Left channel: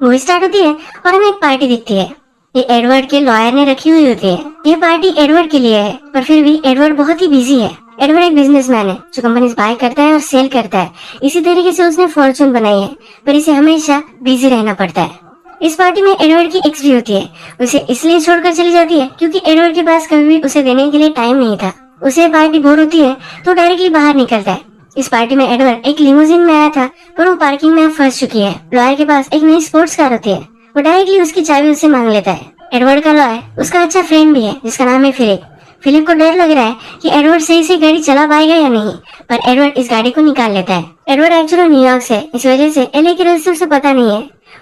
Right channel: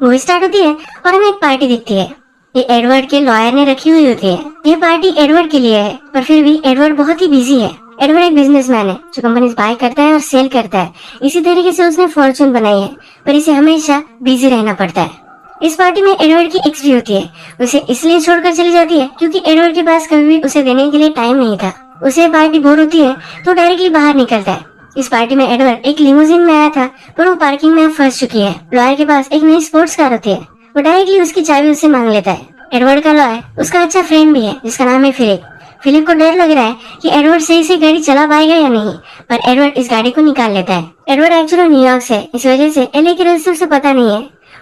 Movie start होती है और हमें एक पार्टी दिखती है। ये एडवर्ड के लॉयर ने रखी हुई होती है। ये पार्टी एडवर्ड के लिए है, पर फिर भी एडवर्ड बहुत ही बिजी है। एडवर्ड एक बिजनेसमैन है जो कंपनीज बाय करता है और सेल करता है। इसी तरीके से उसने फॉर्चून बनाई है, पर इसे हमेशा बिजी रहना पड़ता है। इस पार्टी में एडवर्ड की एक्स भी होती है। उसे इसलिए छोड़कर चली जाती है क्योंकि एडवर्ड के पास कभी भी उसे देने के लिए टाइम नहीं था। उसे पार्टी बोर होती है तो डायरेक्टली बाहर निकलता है। इस पार्टी में एडवर्ड एक लिमोजिन में आया था, पर वो पार्किंग में फंस चुकी है। लॉयर के पास एक नई स्पोर्ट्स कार होती है। वो डायरेक्टली उसकी चाबी उससे मांग लेता है। एडवर्ड का लॉयर उसका अच्छा फ्रेंड भी है जिसका नाम है फिलिप। फिलिप को डर लग रहा है कि एडवर्ड सही से गाड़ी चला पाएगा या नहीं, पर एडवर्ड इस गाड़ी को निकाल लेता है। एडवर्ड एक्चुअली न्यूयॉर्क से, इस वजह से एलए के रास्ते उसे पता नहीं है।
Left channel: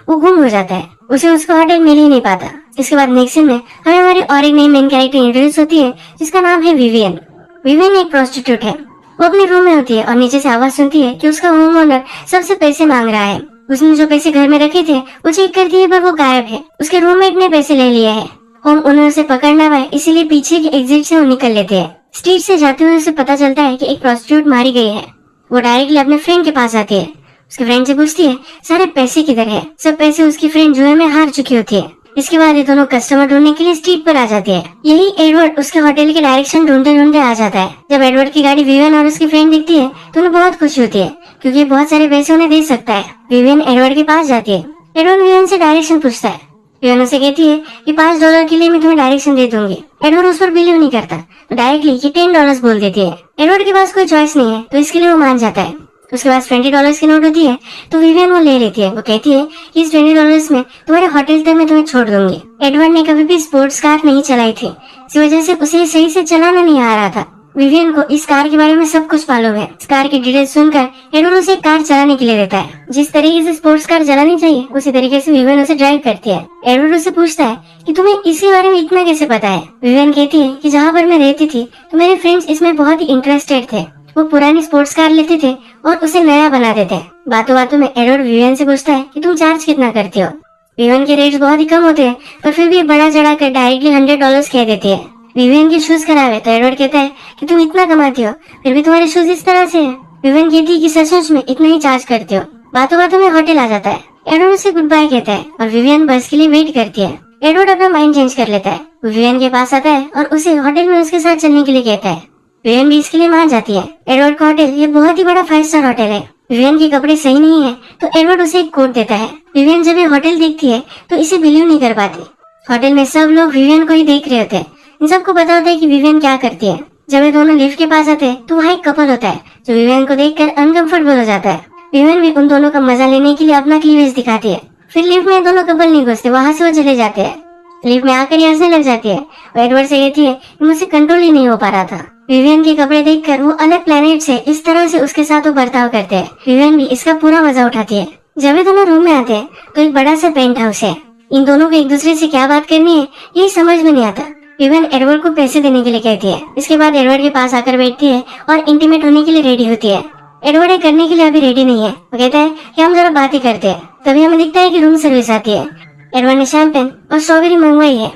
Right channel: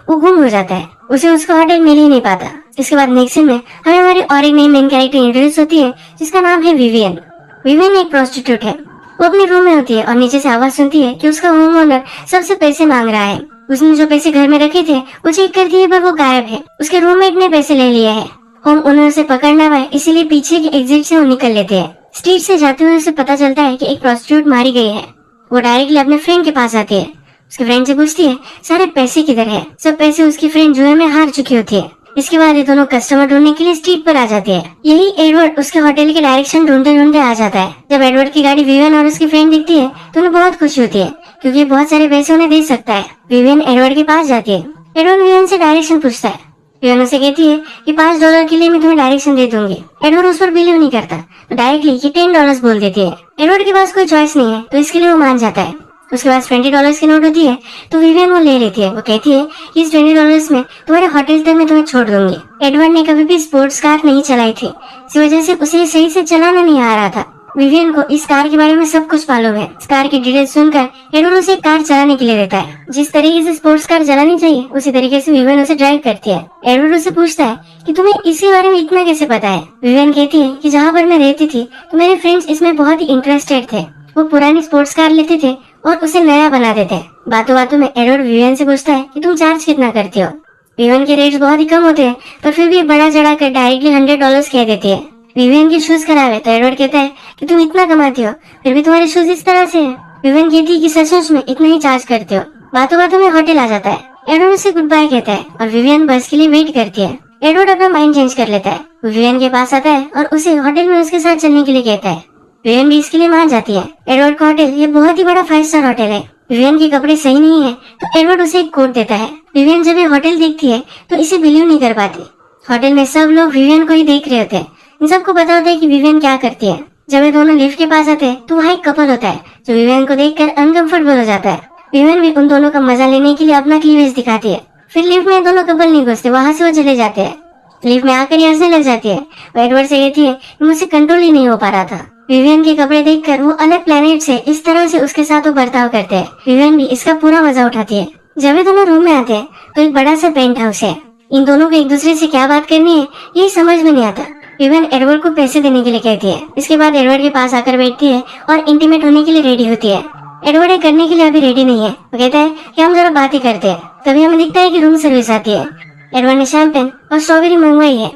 वो गुम हो जाता है, उसे उसका होटल मिल ही नहीं पाता। इसके बाद नेक्स्ट सीन में हमें हमारी और एक नई मेन कैरेक्टर इंट्रोड्यूस होती है जिसका नाम है विवियन। विवियन एक प्रोस्टिट्यूट है। वो अपने रूम में होती है और नीचे से आवाज सुनती है कि उसका होम ओनर सबसे पैसे मांग रहा है। उसने जो पैसे घर में रखे थे वो चेक करती है, पर वो गायब है। उसके रूममेट ने पैसे ले लिए हैं। होम ओनर उसे पकड़ना है, इसीलिए पीछे की एग्जिट से वो निकल लेते हैं। स्ट्रीट से जाते हुए उसे पता चलता है कि एक प्रोस्टिट्यूट मारी गई है। वो डायरेक्टली अपने फ्रेंड के पास जाती है। उसके फ्रेंड से पूछती है सारे पैसे किधर है। सब पैसे उसकी फ्रेंड जुए में हार चुकी होती है। इसके बाद ये दोनों कस्टमर ढूंढने के लिए स्ट्रीट पर आ जाते हैं। यही एडवर्ड उसके होटल के डायरेक्शन ढूंढते ढूंढते आ जाता है। जब एडवर्ड की गाड़ी विवियन और उसकी फ्रेंड दिखती है तो उन्हें बहुत खुशी होती है क्योंकि बहुत सारे पैसे उन्हें दे सकता है। विवियन एडवर्ड के पास जाती है। एडवर्ड विवियन से डायरेक्शन पूछता है। विवियन उसे कहती है कि $5 के लिए मैं तुम्हें डायरेक्शन दे दूंगी। एडवर्ड उस पर बिलीव नहीं करता तो डायरेक्टली $10 बोल देती है। एडवर्ड के पास कोई चॉइस नहीं है तो इसके लिए वो मान जाता है। उसके पास $20 की नोट होती है तो विवियन वो ले लेती है। वो कहती है कि इस $20 में तुम्हारे होटल तक मैं तुम्हें छोड़ दूंगी। एडवर्ड ने कभी भी स्पोर्ट्स कार नहीं चलाई थी, इस वजह से उसे सही से चलाना नहीं आ रहा था। विवियन को इस कार के बारे में सब कुछ मालूम है। इस कार की डिटेल्स सुनकर एडवर्ड उसे कार चलाने के लिए देता है। जिस तरीके से स्पोर्ट्स कार चलानी चाहिए उसी तरीके से विवियन उसे ड्राइव करती है। एडवर्ड उससे पूछता है कि तुम्हें इसी बारे में इतना कैसे पता है। विवियन कहती है कि जहाँ पर मैं रहती थी तो मेरे फ्रेंड्स इसमें बहुत ही इंटरेस्टेड थे। वो पुरानी स्पोर्ट्स कार लेते थे और उसे नया बना देते। बातों बातों में एडवर्ड विवियन से पूछता है कि तुम चार्ज कितना करती हो। विवियन के रेट्स बहुत ही कम होते हैं, पर फिर भी बड़ा चढ़ा कर डायरेक्टली $100 कह देती है। विवियन के शूज खराब है तो एडवर्ड कहते हैं कि तुम इतना कमाती हो फिर भी तुम्हारे शूज इस तरह से है। विवियन कहती है कि सच में इतना ही चार्ज करती हो। बातों बातों में होटल आ जाता है। एडवर्ड उसे गुड बाय कहता है और विवियन बस के लिए वेट करती है। एडवर्ड अपना माइंड चेंज कर लेता है। विवियन के पास आता है और उसे होटल में उसके साथ चलने के लिए कहता है। विवियन भी इसके लिए मान जाती है। एडवर्ड का होटल ये बहुत ही बड़ा 5 स्टार होटल है। विवियन के कपड़े सही नहीं है तो एडवर्ड उसे एक कोट देता है। विवियन जब ये होटल देखती है तो इसे बिलीव नहीं कर पाती। होटल में सब लोग विवियन को ही देख रहे होते हैं। इन सबको पता होता है कि विवियन क्या करती है। जब ये दोनों लिफ्ट के पास आते हैं तो वहाँ एक कपल होता है जो विवियन को देखकर अनकंफर्टेबल हो जाता है। विवियन भी उन दोनों का मजा लेने के लिए अपना क्लीवेज दिखाती है। फिर लिफ्ट में दोनों कपल नहीं घुसते, वहाँ से वो चले जाते हैं। लिफ्ट में आकर हंसने लग जाती है। वो एडवर्ड से कहती है कि मुझसे कंट्रोल ही नहीं हो पा रहा था। विवियन के कपड़े देखकर वो अलग प्लेनेट से इस तरह से उसके साथ वो बर्ताव करते हैं। विवियन भी इसका पूरा मजा उठाती है। जब ये दोनों रूम में आते हैं तो एक बड़ा सा पेंट हाउस है। इन दोनों को एक दूसरे से क्या बात करनी है ये समझ में नहीं आता। विवियन एडवर्ड को पैसे देने के लिए कहती है। इसके बाद एडवर्ड के पास आकर बैठती है और इंटीमेट होने के लिए रेडी होती है। एडवर्ड ये करने के लिए अभी रेडी नहीं है। वो कहता है कि हम जरा बात ही करते हैं। तभी हमें दिखता है कि रूम सर्विस आती है। एडवर्ड ने शैंपेन और स्ट्रॉबेरी मंगवाई है।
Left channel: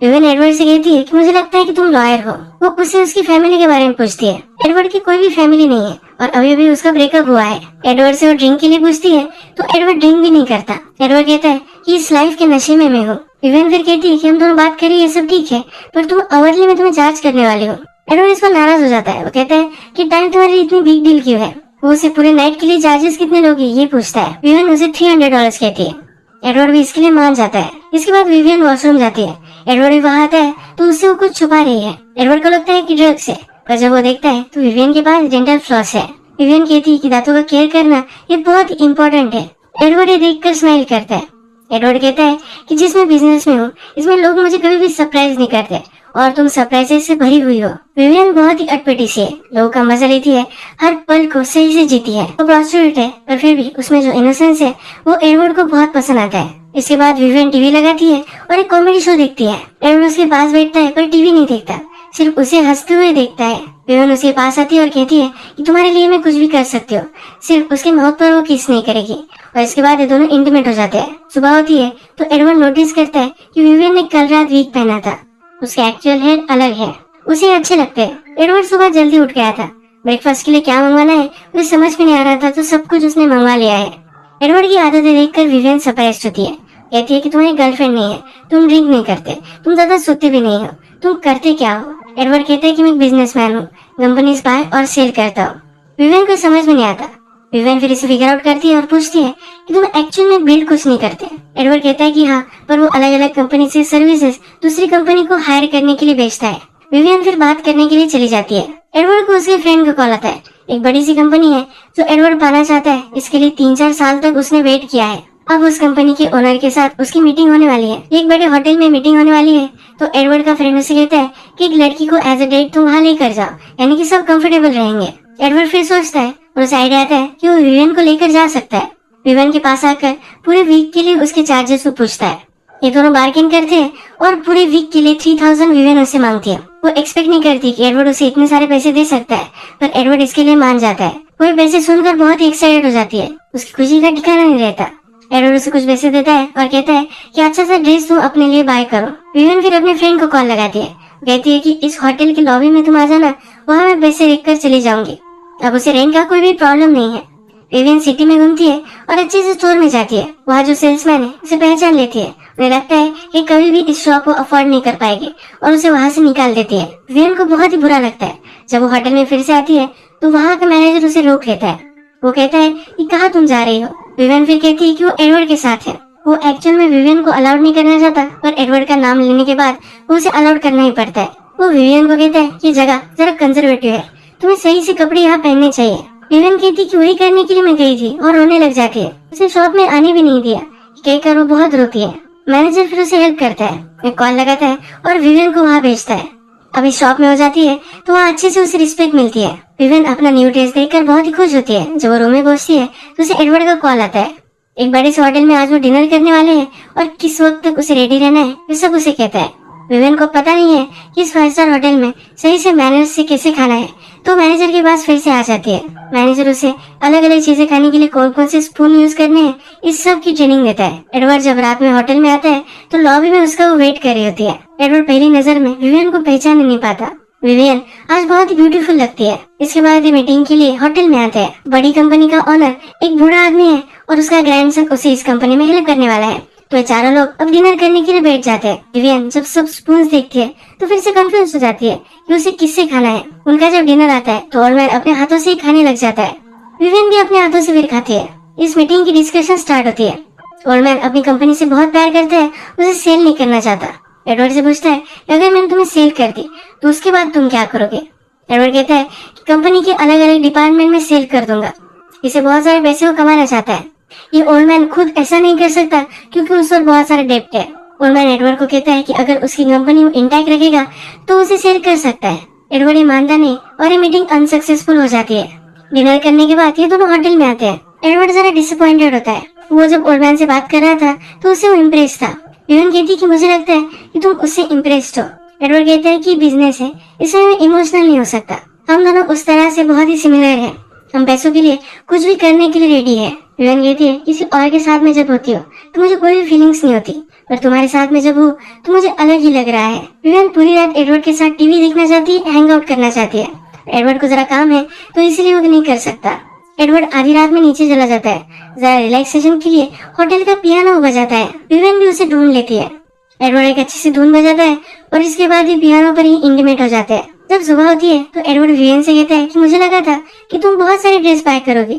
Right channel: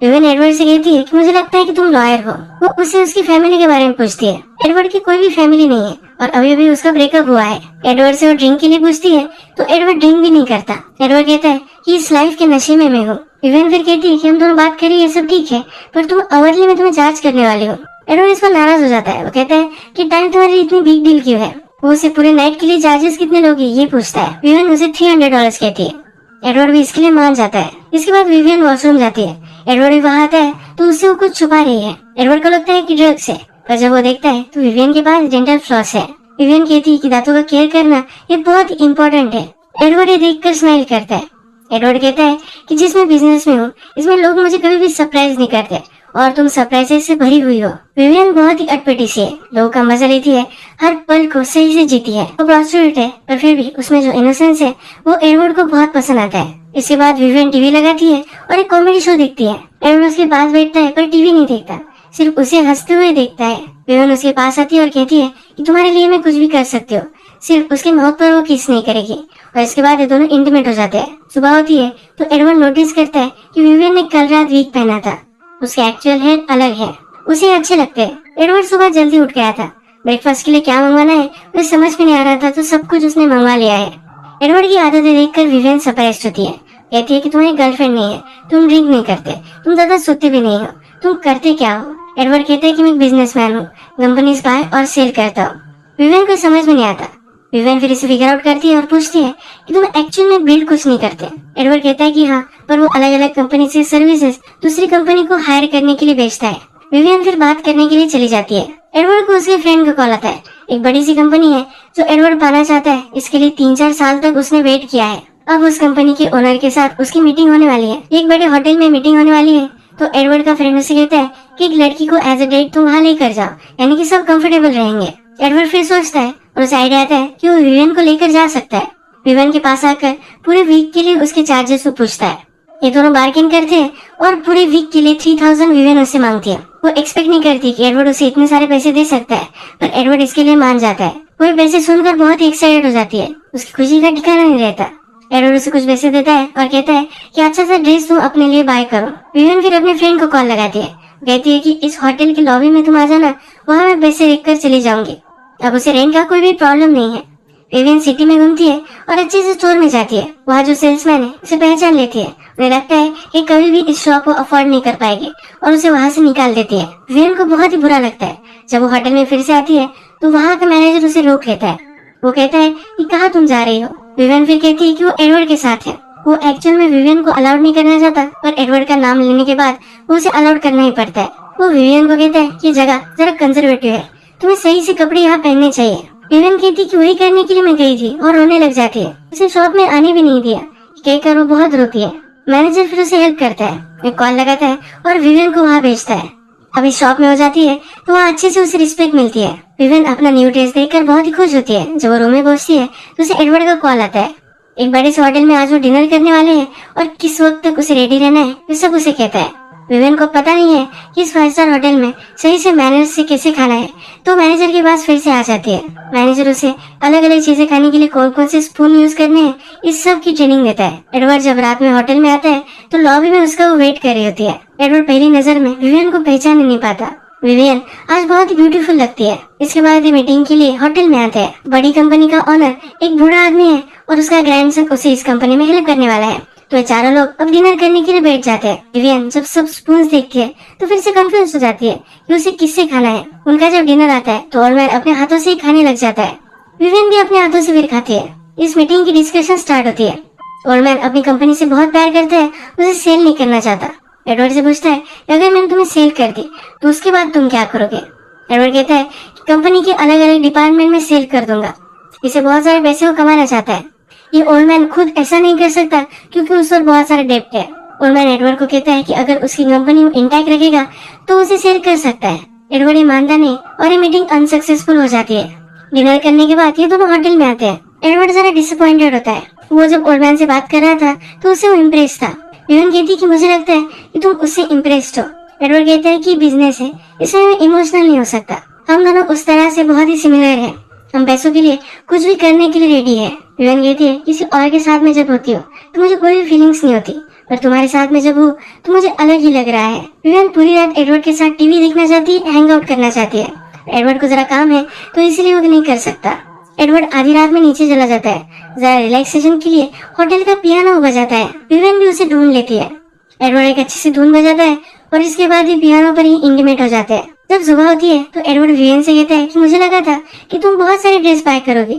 विवियन एडवर्ड से कहती है कि मुझे लगता है कि तुम लॉयर हो। वो उसे उसकी फैमिली के बारे में पूछती है। एडवर्ड की कोई भी फैमिली नहीं है और अभी अभी उसका ब्रेकअप हुआ है। एडवर्ड से वो ड्रिंक के लिए पूछती है तो एडवर्ड ड्रिंक भी नहीं करता। एडवर्ड कहता है कि इस लाइफ के नशे में मैं हूँ। विवियन फिर कहती है कि हम दोनों बात करें ये सब ठीक है, पर तुम अवरली में तुम्हें चार्ज करने वाली हो। एडवर्ड इसको नाराज हो जाता है। वो कहता है कि टाइम तुम्हारी इतनी बिग डील क्यों है। वो उसे पूरे नाइट के लिए चार्जेस कितने लोगे ये पूछता है। विवियन उसे $300 कहती है। एडवर्ड भी इसके लिए मान जाता है। इसके बाद विवियन वॉशरूम जाती है। एडवर्ड भी वहाँ आता है तो उससे वो कुछ छुपा रही है। एडवर्ड को लगता है कि ड्रग्स है, पर जब वो देखता है तो विवियन के पास डेंटल फ्लॉस है। विवियन कहती है कि दांतों का केयर करना ये बहुत ही इम्पोर्टेंट है। एडवर्ड ये देखकर स्माइल करता है। एडवर्ड कहता है कि जिसमें बिजनेस में हूँ इसमें लोग मुझे कभी भी सरप्राइज नहीं करते और तुम सरप्राइजेस से भरी हुई हो। विवियन बहुत ही अटपटी सी है, लोगों का मजा लेती है, हर पल को सही से जीती है। वो प्रोस्टिट्यूट है पर फिर भी उसमें जो इनोसेंस है वो एडवर्ड को बहुत पसंद आता है। इसके बाद विवियन टीवी लगाती है और एक कॉमेडी शो देखती है। एडवर्ड उसके पास बैठता है पर टीवी नहीं देखता, सिर्फ उसे हंसते हुए देखता है। विवियन उसके पास आती है और कहती है कि तुम्हारे लिए मैं कुछ भी कर सकती हूँ, सिर्फ उसके माउथ पर वो किस नहीं करेगी। और इसके बाद ये दोनों इंटीमेट हो जाते हैं। सुबह होती है तो एडवर्ड नोटिस करता है कि विवियन ने कल रात विग पहना था। उसका एक्चुअल हेयर अलग है, उसे अच्छे लगते हैं। एडवर्ड सुबह जल्दी उठ गया था। ब्रेकफास्ट के लिए क्या मंगवाना है उसे समझ में नहीं आ रहा था तो सब कुछ उसने मंगवा लिया है। एडवर्ड की आदतें देखकर विवियन सरप्राइज होती है। कहती है कि तुम्हारी गर्लफ्रेंड नहीं है, तुम ड्रिंक नहीं करते, तुम ज्यादा सोते भी नहीं हो, तुम करते क्या हो? एडवर्ड कहता है कि मैं एक बिजनेसमैन हूँ, कंपनीज बाय और सेल करता हूँ। विवियन को समझ में नहीं आता। विवियन फिर इसे फिगर आउट करती है और पूछती है कि तुम एक्चुअल में बिल्ड कुछ नहीं करते। एडवर्ड कहता है कि हाँ, पर वो अलग अलग कंपनी से सर्विसेज दूसरी कंपनी को हायर करने के लिए बेचता है। विवियन फिर बात करने के लिए चली जाती है। एडवर्ड को उसके फ्रेंड का कॉल आता है। एक बड़ी सी कंपनी है जो एडवर्ड पाना चाहता है, इसके लिए 3-4 साल तक उसने वेट किया है। अब उस कंपनी के ओनर के साथ उसकी मीटिंग होने वाली है। एक बड़े होटल में मीटिंग होने वाली है, तो एडवर्ड का फ्रेंड उसे कहता है कि एक लड़की को एज अ डेट तुम वहाँ लेकर जाओ, यानी कि सब कंफर्टेबल रहेंगे। एडवर्ड फिर सोचता है और उसे आइडिया आता है कि वो विवियन को लेकर जा सकता है। विवियन के पास आकर पूरे वीक के लिए उसके चार्जेस को पूछता है। ये दोनों बार्गेन करते हैं और पूरे वीक के लिए 3000 विवियन उससे मांगती है। वो एक्सपेक्ट नहीं करती कि एडवर्ड उसे इतने सारे पैसे दे सकता है, पर एडवर्ड इसके लिए मान जाता है। वो पैसे सुनकर बहुत ही एक्साइटेड हो जाती है। उसकी खुशी का ठिकाना नहीं रहता। एडवर्ड उसे कुछ पैसे देता है और कहता है कि अच्छे से ड्रेस तुम अपने लिए बाय करो। विवियन फिर अपने फ्रेंड को कॉल लगाती है। कहती है कि इस होटल के लॉबी में तुम आ जाना, वहाँ मैं पैसे रखकर चली जाऊंगी। अब उसे रेंट का कोई भी प्रॉब्लम नहीं है। विवियन सिटी में घूमती है और अच्छे से स्टोर में जाती है। वहाँ जो सेल्समैन है उसे पहचान लेती है। उन्हें लगता है कि कभी भी इस शॉप को अफोर्ड नहीं कर पाएगी और उसे वहाँ से निकाल देती है। विवियन को बहुत ही बुरा लगता है। जब वो होटल में फिर से आती है तो वहाँ का मैनेजर उसे रोक लेता है। वो कहता है कि कहाँ तुम जा रही हो? विवियन फिर कहती है कि वो एडवर्ड के साथ है। वो एक्चुअल में विवियन को अलाउड नहीं करना चाहता, पर एडवर्ड का नाम लेने के बाद वो उसे अलाउड करना ही पड़ता है। वो विवियन को कहता है कि जगह जरा कंजर्वेटिव है, तुम्हें सही से कपड़े यहाँ पहनने चाहिए। विवियन कहती कि वही करने के लिए मैं गई थी और रोने लग जाती है। उसे शॉप में आने भी नहीं दिया। कहकर वो बहुत रोती है। मैनेजर फिर उसे हेल्प करता है, एक कॉल लगाता है और विवियन को वहाँ भेजता है। अभी शॉप में हो जाती है तो वहाँ अच्छे से उसे रिस्पेक्ट मिलती है। विवियन अपना न्यू ड्रेस देखकर बहुत ही खुश होती है। जब वो रूम में पहुंचती है तो उसे एडवर्ड का कॉल आता है। एक बड़े से होटल में आज वो डिनर करने वाले हैं और किस वक्त तक उसे रेडी रहना है ये सब उसे कहता है। विवियन को पता नहीं है कि इस 5 स्टार होटल में सही से मैनर्स से कैसे खाना है, तो मैनेजर के पास फिर से आ जाती है। मैनेजर उसे अलग अलग चीजें खाने के लिए कौन कौन से स्पून यूज करने हैं इस सब की ट्रेनिंग देता है। एडवर्ड जब रात में होटल में आता है तो लॉबी में उसका वो वेट कर रही होती है। एडवर्ड पहली नजर में विवियन को पहचान नहीं पाता। विवियन आज बहुत ही ब्यूटीफुल लगती है। इसके बाद मीटिंग के लिए होटल में आता है। बड़ी कंपनी का ओनर एक बूढ़ा आदमी है और उसका ग्रैंडसन उसे इस कंपनी में हेल्प करने वाला है। तो चारों लोग अब डिनर करने के लिए बैठ जाते हैं। विवियन जब सब स्पून देखती है तो फिर से कंफ्यूज हो जाती है कि उसे किससे खाना है। उनका जब डिनर आता है तो ऑलमैन अपने हाथों से खाने लग जाता है। विवियन भी अपने हाथों से फिर खाती है। इस मीटिंग की डिस्कशन स्टार्ट होती है। ऑलमैन अपनी कंपनी से बहुत प्यार करते हैं, उसे सेल नहीं करना चाहता। एडवर्ड से पूछता है अगर मैंने तुम्हें सेल कर दी तो उसके बाद तुम क्या करोगे? एडवर्ड कहता है कंपनी के अलग अलग डिपार्टमेंट में सेल कर दूंगा। इसे बहुत सारे पैसे को कमाना चाहता है। ये ओल्ड मैन खुद ऐसा नहीं कर सकता क्योंकि उस पर बहुत सारा डेब्ट है। ओल्ड मैन एडवर्ड को कहता है कि अगर उसकी कंपनी इंटैक्ट रखेगा तो उसे सेल कर सकता है। एडवर्ड ये मानता नहीं और ये मीटिंग अनसक्सेसफुल हो जाती है। डिनर करने के बाद ये दोनों होटल में आते हैं। एडवर्ड जरा डिसअपॉइंटेड होता है। वो जब ओल्ड मैन से बात कर रहा था तो उससे वो इम्प्रेस था। विवियन कहती है कि मुझे लगता है कि तुम उससे इम्प्रेस्ड हो। एडवर्ड कहता है कि बिजनेस है, इसमें मैं इमोशनल नहीं हो सकता। हम दोनों उस तरह से बहुत ही सिमिलर हैं। हम पैसों के लिए कुछ भी करने के लिए रेडी है। विवियन कहती है किसी और के साथ में जब होती हो तो मुझे कोई भी फीलिंग्स नहीं होती, पर तुम्हारे साथ में जब हो तो मुझे अलग ही लग रहा है। विवियन पूरी रात एडवर्ड के साथ टीवी देखना चाहती है, हैंग आउट करना चाहती है। एडवर्ड को जरा काम है तो इसलिए वो नहीं कर सकता। एडवर्ड आधी रात में नीचे चला जाता है। जरा रिलैक्सेशन के लिए होटल का पियानो बजाता है। विवियन भी उसे ढूंढ लेती है। एडवर्ड एक अच्छी सी धुन बजाता है और इसके बाद ही पियानो पर ही इंटीमेट हो जाता है। जब सुबह होती है तो एडवर्ड विवियन से कहता है कि मुझे लगा था कि तुम बहुत सारे ड्रेस बाय करोगे,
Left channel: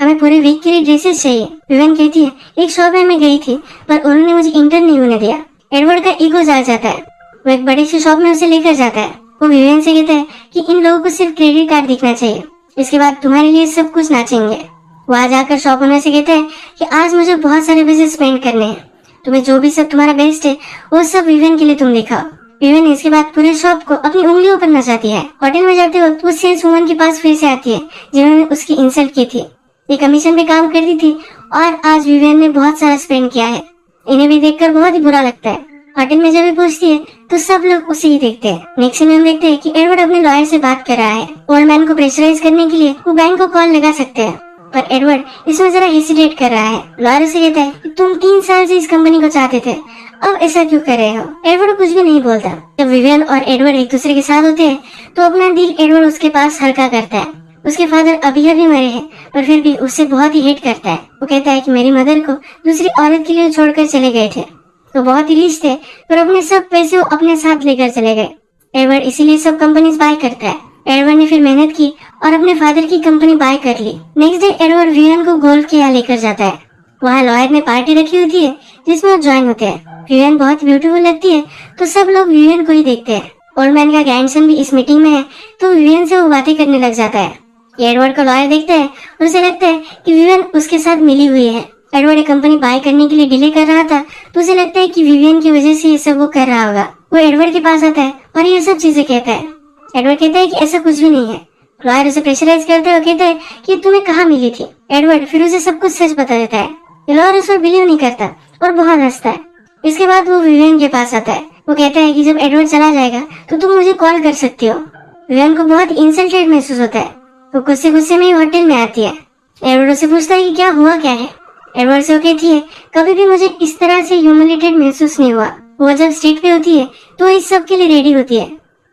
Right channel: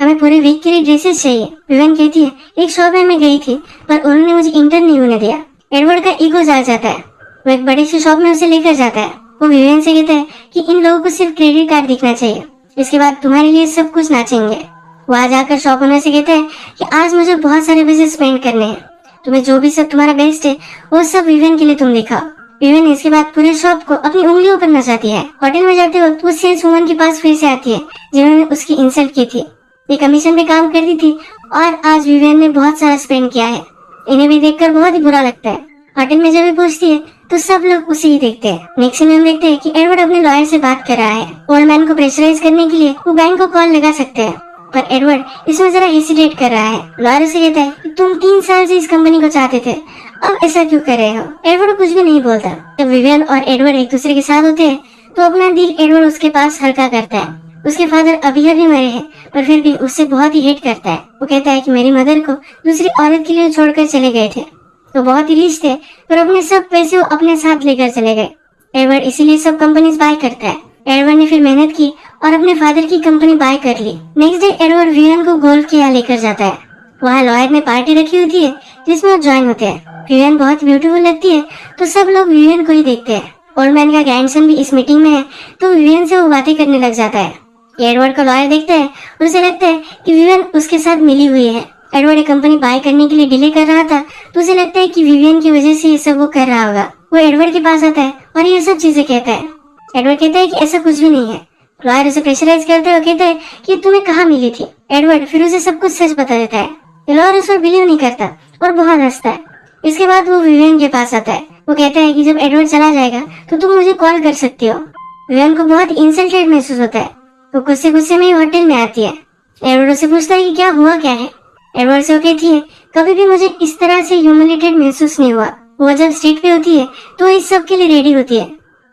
हमें पूरे वीक के लिए ड्रेसेस चाहिए। विवियन कहती है एक शॉप में मैं गई थी पर उन्होंने मुझे इंटर्न नहीं होने दिया। एडवर्ड का ईगो जा जाता है। वो एक बड़े से शॉप में उसे लेकर जाता है। वो विवियन से कहता है कि इन लोगों को सिर्फ क्रेडिट कार्ड दिखना चाहिए, इसके बाद तुम्हारे लिए सब कुछ नाचेंगे। वहाँ जाकर शॉप ओनर से कहते हैं कि आज मुझे बहुत सारे पैसे स्पेंड करने हैं, तुम्हें जो भी सब तुम्हारा बेस्ट है वो सब विवियन के लिए तुम दिखाओ। विवियन इसके बाद पूरी शॉप को अपनी उंगलियों पर नचाती है। होटल में जाते वक्त वो सेल्स वुमन के पास फिर से आती है जिन्होंने उसकी इंसल्ट की थी। ये कमीशन पे काम करती थी और आज विवियन ने बहुत सारा स्पेंड किया है। इन्हें भी देखकर बहुत ही बुरा लगता है। होटल में जब भी पूछती है तो सब लोग उसे ही देखते हैं। नेक्स्ट में हम देखते हैं कि एडवर्ड अपने लॉयर से बात कर रहा है। ओल्ड मैन को प्रेशराइज करने के लिए वो बैंक को कॉल लगा सकते हैं, पर एडवर्ड इसमें जरा हेसिटेट कर रहा है। लॉयर से कहता है कि तुम 3 साल से इस कंपनी को चाहते थे, अब ऐसा क्यों कर रहे हो? एडवर्ड कुछ भी नहीं बोलता। जब विवियन और एडवर्ड एक दूसरे के साथ होते हैं तो अपना दिल एडवर्ड उसके पास हल्का करता है। उसके फादर अभी अभी मरे हैं, पर फिर भी उससे बहुत ही हेट करता है। वो कहता है कि मेरी मदर को दूसरी औरत के लिए छोड़कर चले गए थे, तो बहुत ही रिच थे, पर अपने सब पैसे वो अपने साथ लेकर चले गए। एडवर्ड इसीलिए सब कंपनीज बाय करता है। एडवर्ड ने फिर मेहनत की और अपने फादर की कंपनी बाय कर ली। नेक्स्ट डे एडवर्ड विवियन को गोल्फ के यहाँ लेकर जाता है। वहाँ लॉयर ने पार्टी रखी होती है जिसमें वो ज्वाइन होते हैं। विवियन बहुत ब्यूटीफुल लगती है, तो सब लोग विवियन को ही देखते हैं। ओल्ड मैन का ग्रैंडसन भी इस मीटिंग में है, तो विवियन से वो बातें करने लग जाता है। एडवर्ड को लॉयर देखता है और उसे लगता है कि विवियन उसके साथ मिली हुई है। एडवर्ड एक कंपनी बाय करने के लिए डिले कर रहा था, तो उसे लगता है कि विवियन की वजह से ये सब वो कर रहा होगा। वो एडवर्ड के पास आता है और ये सब चीजें कहता है। एडवर्ड कहता है कि ऐसा कुछ भी नहीं है। लॉयर उसे प्रेशराइज करता है और कहता है कि तुम्हें कहाँ मिली थी। एडवर्ड फिर उसे सब कुछ सच बता देता है। लॉयर उस पर बिलीव नहीं करता और बहुत हंसता है। इसके बाद वो विवियन के पास आता है। वो कहता है कि जब एडवर्ड चला जाएगा तो तुम मुझे कॉल कर सकती हो। विवियन को बहुत इंसल्टेड महसूस होता है। वो गुस्से गुस्से में ही होटल में आती है। एडवर्ड से पूछता है कि क्या हुआ क्या है। एडवर्ड से कहती है कभी भी मुझे इस तरह से ह्यूमिलेटेड महसूस नहीं हुआ। वो जब स्ट्रीट पे होती है तो इस सब के लिए रेडी होती है।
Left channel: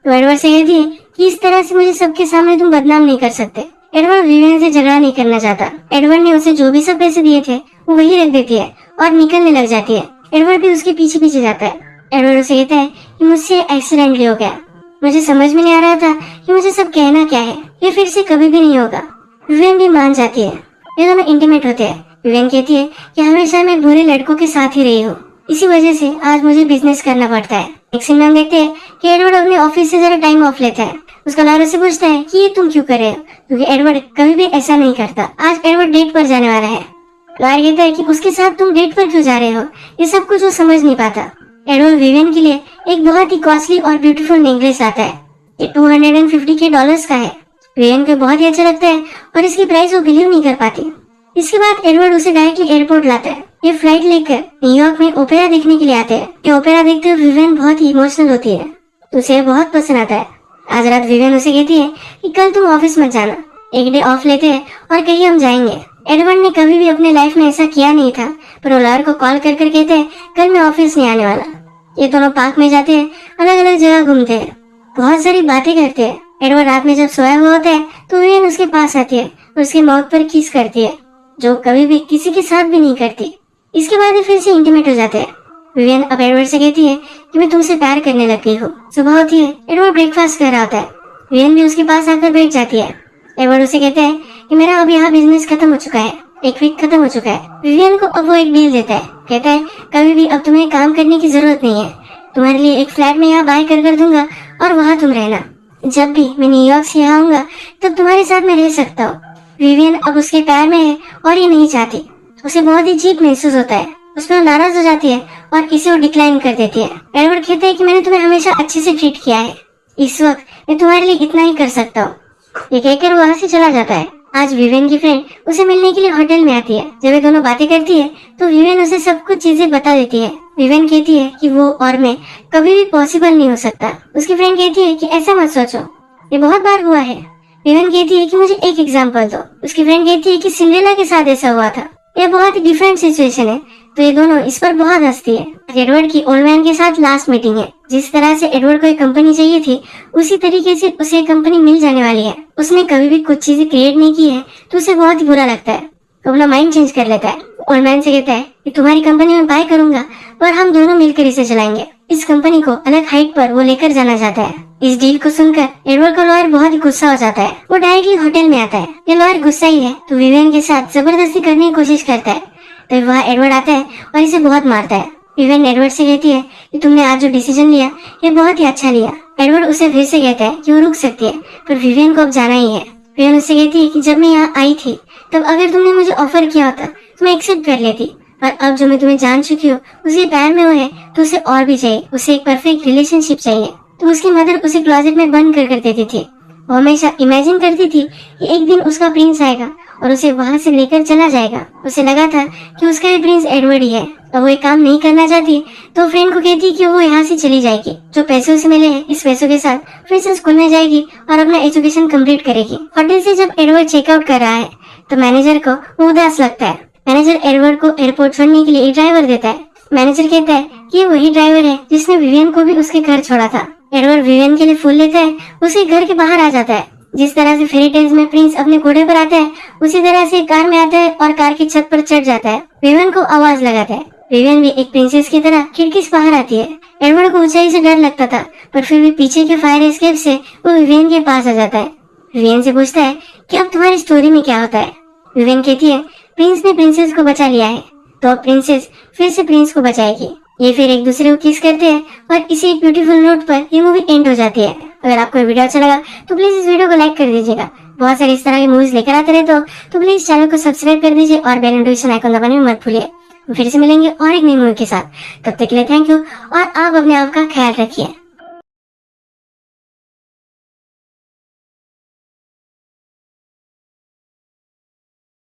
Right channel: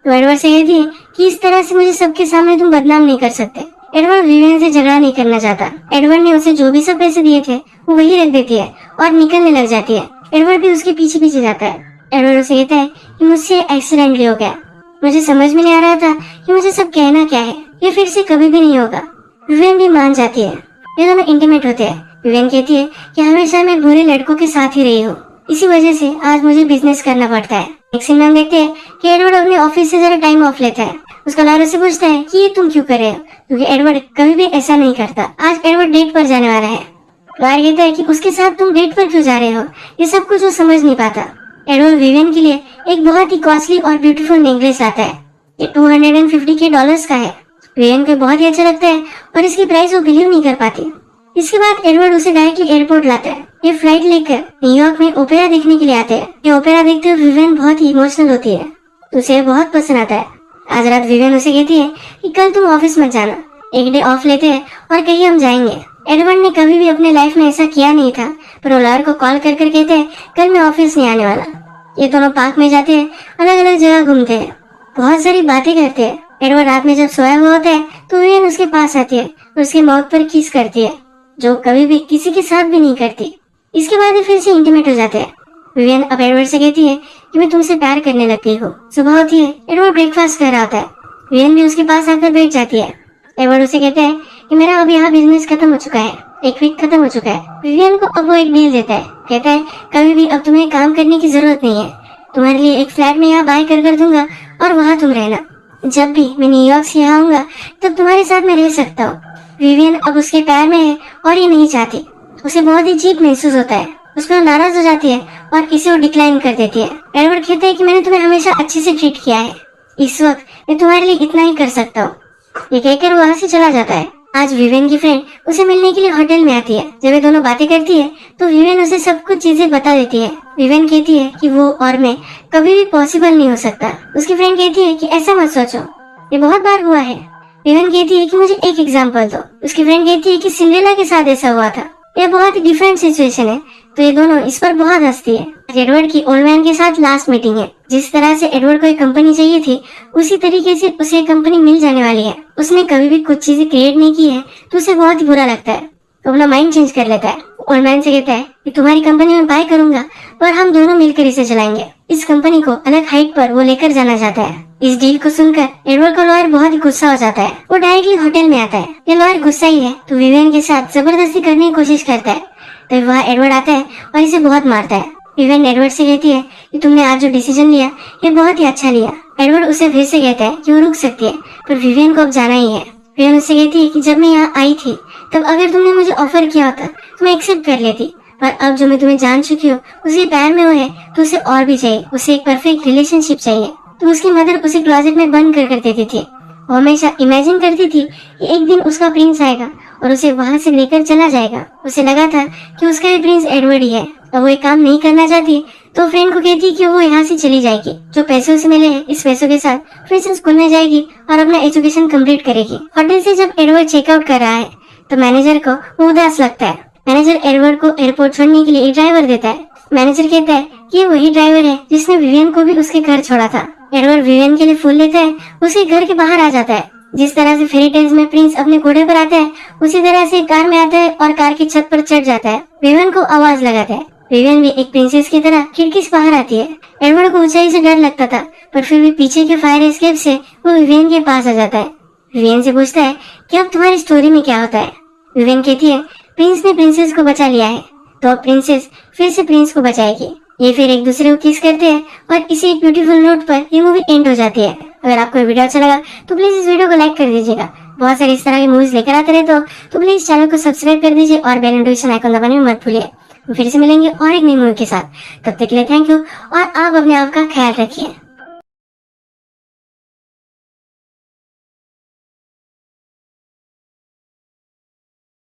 तो एडवर्ड से कहती है कि इस तरह से मुझे सबके सामने तुम बदनाम नहीं कर सकते। एडवर्ड विवियन से झगड़ा नहीं करना चाहता। एडवर्ड ने उसे जो भी सब पैसे दिए थे वो वही रख देती है और निकलने लग जाती है। एडवर्ड भी उसके पीछे पीछे जाता है। एडवर्ड उसे कहता है कि मुझसे एक्सीडेंट हो गया, मुझे समझ में नहीं आ रहा था कि मुझे सब कहना क्या है, ये फिर से कभी भी नहीं होगा। विवियन भी मान जाती है। ये दोनों इंटीमेट होते हैं। विवियन कहती है कि हमेशा मैं बुरे लड़कों के साथ ही रही हूँ, इसी वजह से आज मुझे बिजनेस करना पड़ता है। एक सीन में हम देखते हैं कि एडवर्ड अपने ऑफिस से जरा टाइम ऑफ लेता है। उसका लॉयर से पूछता है कि ये तुम क्यों कर रहे हो, क्योंकि एडवर्ड कभी भी ऐसा नहीं करता। आज एडवर्ड डेट पर जाने वाला है। लॉयर कहता है कि उसके साथ तुम डेट पर क्यों जा रहे हो, ये सब कुछ वो समझ नहीं पाता। एडवर्ड विवियन के लिए एक बहुत ही कॉस्टली और ब्यूटीफुल नेकलेस आता है। ये $250 का है। विवियन को बहुत ही अच्छा लगता है और इसकी प्राइस वो बिलीव नहीं कर पाती। इसके बाद एडवर्ड उसे डायरेक्टली एयरपोर्ट लाता है। ये फ्लाइट लेकर न्यूयॉर्क में ओपेरा देखने के लिए आते हैं। ये ओपेरा देखते हुए विवियन बहुत ही इमोशनल होती है, तो उसे बहुत पसंद आता है। आज रात विवियन उसे कहती है कि कल तुम ऑफिस मत जाना, एक डे ऑफ लेते हैं और कहीं हम जाएंगे। एडवर्ड ने कभी भी अपने लाइफ में ऐसा किया नहीं था, पर वो लॉयर को कॉल कर कर कहते हैं कल मैं ऑफिस नहीं आने वाला। ये दोनों पार्क में जाते हैं, अलग अलग जगह घूमते हैं, बहुत सारी बातें करते हैं। एडवर्ड रात में जब सोया हुआ होता है तो विवियन उसके पास आती है और उसके माउथ पर किस करती है, जो कभी भी किसी के साथ भी नहीं करती। इसके बाद फिर से इंटीमेट हो जाते हैं। विवियन अब एडवर्ड से कहती है कि मैं तुमसे प्यार करने लग गई हूँ। सुबह होती है, एडवर्ड ब्रेकफास्ट कर रहा होता है। विवियन भी उसके पास आकर बैठ जाती है। एडवर्ड उसे कहते हैं कि मेरा अब यहाँ बिजनेस खत्म हो चुका है, एक वीक खत्म हो चुका है। विवियन को अब वो एक डील देता है। कहता है कभी भी अब तुम्हें काम करने की जरूरत नहीं है, तुम्हारे लिए एक फ्लैट में यहाँ बाय कर दूंगा और वहाँ तुम रहना। जब भी मैं न्यूयॉर्क से आऊंगा तब तुम्हारे साथ मैं रह सकता हूँ। विवियन अब उसके प्यार में है और ये नहीं चाहती। उसे बहुत ही चीप महसूस होता है, उसमें नाराज हो जाती है और इसे वो डिक्लाइन कर देती है। एडवर्ड कहते हैं कि मैंने तुम्हें हमेशा अच्छे से ट्रीट किया है, इस वक्त मैं तुम्हारे लिए इतना ही कर सकता हूँ। ये कहकर वो वहाँ से चला जाता है। आज विवियन की फ्रेंड उसे मिलने के लिए होटल में आती है। जब ये दोनों बातें करती है तो विवियन उसे सब कुछ चीजें बता देती है। विवियन कहती है कि वो और मैं कभी भी पॉसिबल नहीं हो सकता। उसकी फ्रेंड कहती है कि ऐसा मत सोचो, ये बहुत बार हुआ है। विवियन कहती है कि मुझे एक एग्जाम्पल दो। उसकी फ्रेंड कहती है कि सिंड्रेला के साथ ऐसा हुआ था। ये बहुत ही डिफरेंट सिचुएशन है, तो ये दोनों इस पर बहुत हंसती है। एडवर्ड की ओल्ड मैन के साथ लास्ट मीटिंग है। जिस तरह से एडवर्ड को एक कंपनी चाहिए थी, उसी तरीके से उसे एक कंपनी मिल जाने वाली है। उसने कभी भी कुछ चीजें क्रिएट नहीं की है, तो उसे बहुत ही बुरा लगता है। तो अपना माइंड चेंज कर लेता है। ओल्ड मैन से कहता है कि तुम्हारी कंपनी में बाय करूंगा और हम दोनों मिलकर इसे चलाएंगे। इस कंपनी को अलग हाइट पर वो लेकर जाना चाहता है। इस डील को सुनकर एडवर्ड का लॉयर बहुत ही गुस्सा हो जाता है। वो डायरेक्टली होटल में आता है। ये लॉयर गुस्सा ही है, तो विवियन के साथ जबरदस्ती करने की कोशिश करता है। तो वहाँ एडवर्ड आता है और इसे बहुत मारता है। विवियन एडवर्ड से कहती है कि तुमने आज जो डिसीजन लिया ये बहुत ही अच्छा लिया। एडवर्ड उसे फिर से कहता है कि वो रुक सकती है, पर विवियन को अब जाना ही है। विवियन उससे कहती है कि जब मैं यहाँ आई थी तब अगर तुमने मुझे ऑफर किया होता तो मैं एक्सेप्ट कर लेती, पर अब जो मैं तुम्हें जान चुकी हूँ उसे प्यार में वो है, तो उसे और भी चाहिए। उसे एक परफेक्ट रिलेशनशिप चाहिए। तो उसकी मदर उसे क्लोजेट में बंद कर देती थी। वो हमेशा इमेजिन करती थी कि एक दिन उसका प्रिंस आएगा और उसे वहाँ से लेकर चला जाएगा। उसे लगा था कि उसका ये प्रिंस एडवर्ड ही है। और वो ये काम नहीं करना चाहती, तो फ्रेंड को कहती कि वो यहाँ से चली जाएगी। जो पैसे उसे मिले हैं, इस पैसों के साथ फिर से स्कूल में जाएगी और अपना एजुकेशन कंप्लीट करेगी। होटल से जब एडवर्ड चेकआउट कर रहा है तो मैनेजर को वो उदास लगता है। मैनेजर एडवर्ड को एयरपोर्ट छोड़ने के लिए एक ड्राइवर देता है। मैनेजर कहता है कि वही ड्राइवर है जिसने विवियन को भी उसके घर छोड़ा था। एडवर्ड विवियन के लिए फूल लेता है, उसके घर के बाहर आ जाता है। जिस तरह से फेरी टेल्स में प्रिंस अपने घोड़े पर आता है, उसी तरह से कार में आता है और कार की छत पर चढ़ जाता है। विवियन को आवाज लगाता है। विवियन भी एक प्रिंसेस की तरह खिड़की से बाहर आती है। एडवर्ड को ऊंचाई से डर लगता था, पर फिर भी पीछे के फायर एस्केप से वो विवियन के पास आ जाता है। विवियन से पूछता है कि अब तुम्हारी स्टोरी में क्या होता है। विवियन कहती है प्रिंस ने प्रिंसेस को बचा लिया है, तो प्रिंसेस फिर से प्रिंस को बचाएगी। ये फिर एक दूसरे को किस करते हैं और इसी ब्यूटीफुल नोट पर ये मूवी एंड हो जाती है। अगर आपको वीडियो अच्छा लगा तो प्लीज इस वीडियो को लाइक कर दीजिएगा। बहुत सारी इस तरह की मूवीज लेकर आते रहे तो प्लीज चैनल को सब्सक्राइब कर दीजिए और बेल नोटिफिकेशन आइकन दबाने में मत भूलिए। फिर से मिलेंगे और एक नई मूवी के साथ। तब तक के लिए थैंक यू और आप अपने आप का ख्याल रखिए।